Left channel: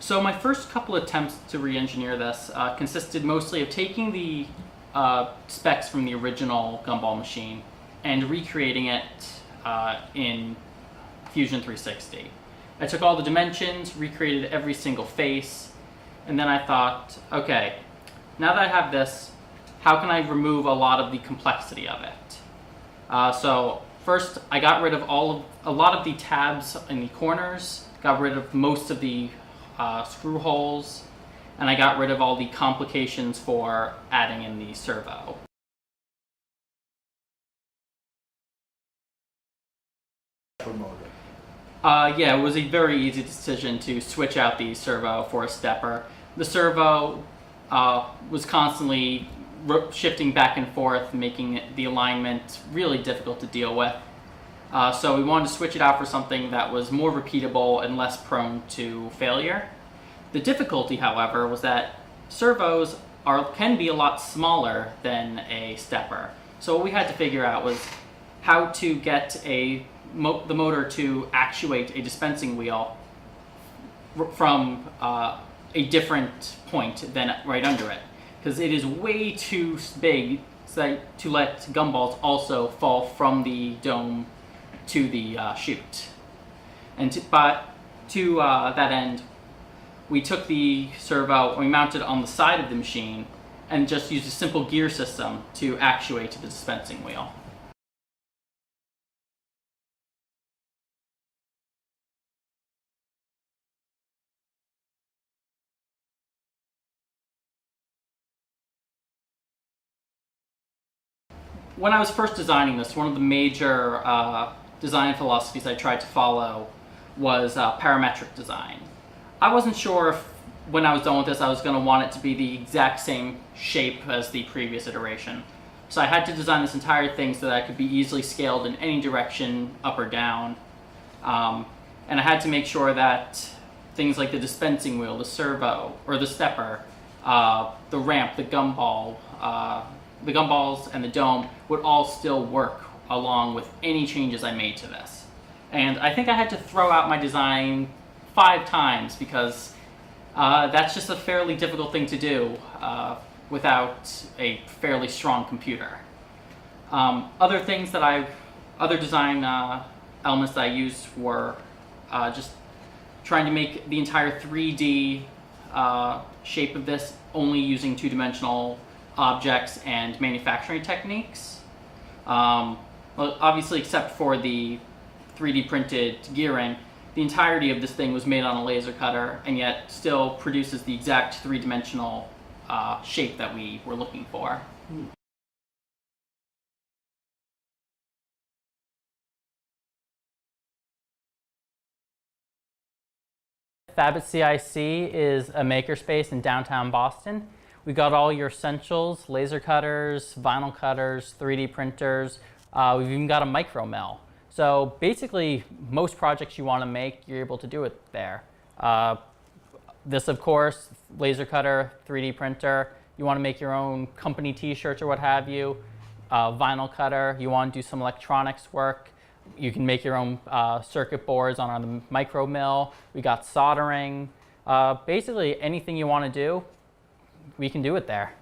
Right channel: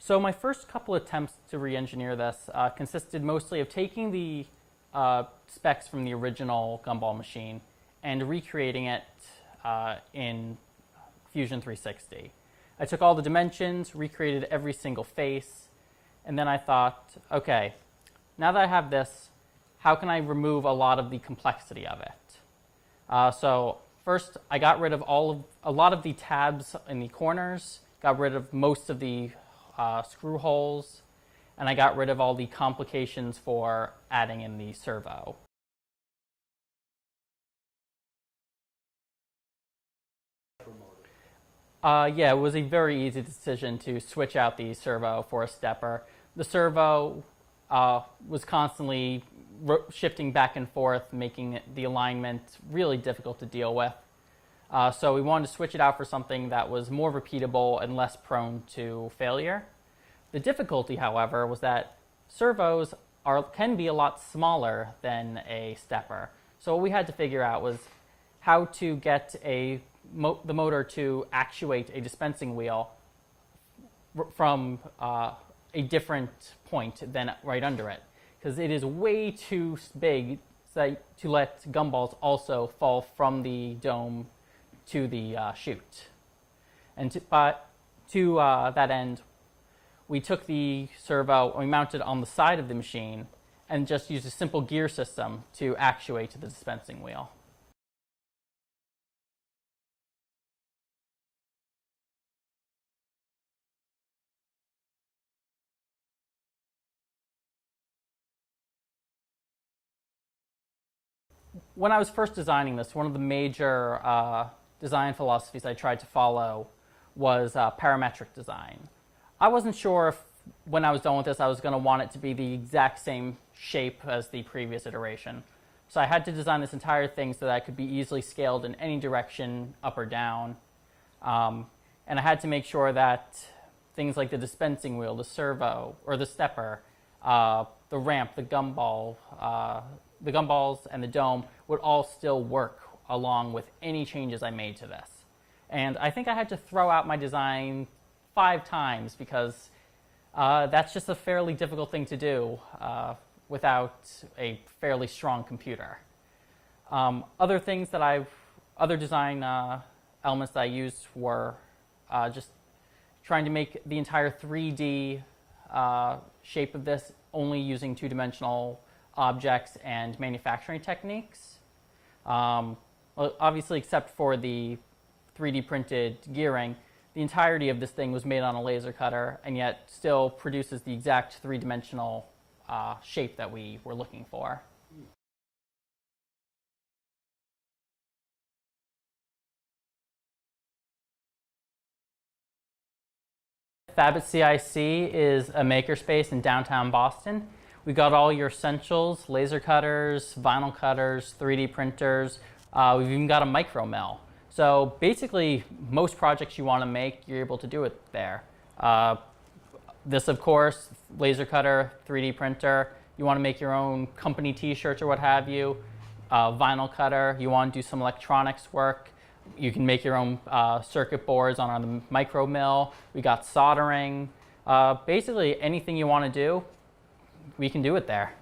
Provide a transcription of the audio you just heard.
So my first couple attempts to re-engineer this consisted mostly of taking the specs from the original Gumball machine and recreating it in Fusion 360. I took all the dimensions, recreated every single face, and then I thought, okay, now that I have this, how can I remove a lot of the complexity of it? So first, I got rid of a lot of the tabs in the corners, got rid of most of the screw holes, and I got rid of all the complications for adding in the servo. Yeah, it was a very easy decision to switch out the servo for a stepper. The servo was constantly shifting back and forth, making the alignment really difficult to deal with. So we wanted to switch it out for something that was more repeatable and less prone to failure. The difficulty, however, was that servos can be a lot smaller than a stepper. So what we had to figure out was how to get the motor to actuate a dispensing wheel from a different point than right under it, because it is way too big to let gumballs also fall from the dome to the chute. And to that end, we took the servo and we mounted it on the side of the machine and just used a simple gear system to actuate the dispensing wheel. When I was first designing this, one of the major design philosophies I tried to follow was parametric design. I wasn't sure if, when I was done with this, I was going to want it to be the exact same shape as the previous iteration. So I had to design this entire thing so that it could be easily scaled in any direction, up or down. And I had to make sure that things like the dispensing wheel, the servo, or the stepper, the ramp, the gumballs and the dome would all still work along with any changes I made to this. And I think I had to throw out my design 5 times because that's just a fairly difficult thing to do without a fairly strong computer. Other design elements that I used were just trying to make the entire 3D shape of this only using 2-dimensional objects and manufacturing techniques. Well, obviously, except for the 3D printed gearing, the entirety of this thing was made on a laser cutter and yet still produces the exact 3-dimensional shape that we were looking for. Fab at CIC is a makerspace in downtown Boston. We got all your essentials: laser cutters, vinyl cutters, 3D printers. We've even got a micro mill. So basically, most projects you want to make, you're able to do it there. This, of course, laser cutter, 3D printer. You want to make your own company t-shirts or what have you. Vinyl cutter. You want to do some electronics work. You can make your own circuit boards on the micro mill. We got soldering. Basically, anything you want to do, we can do it there.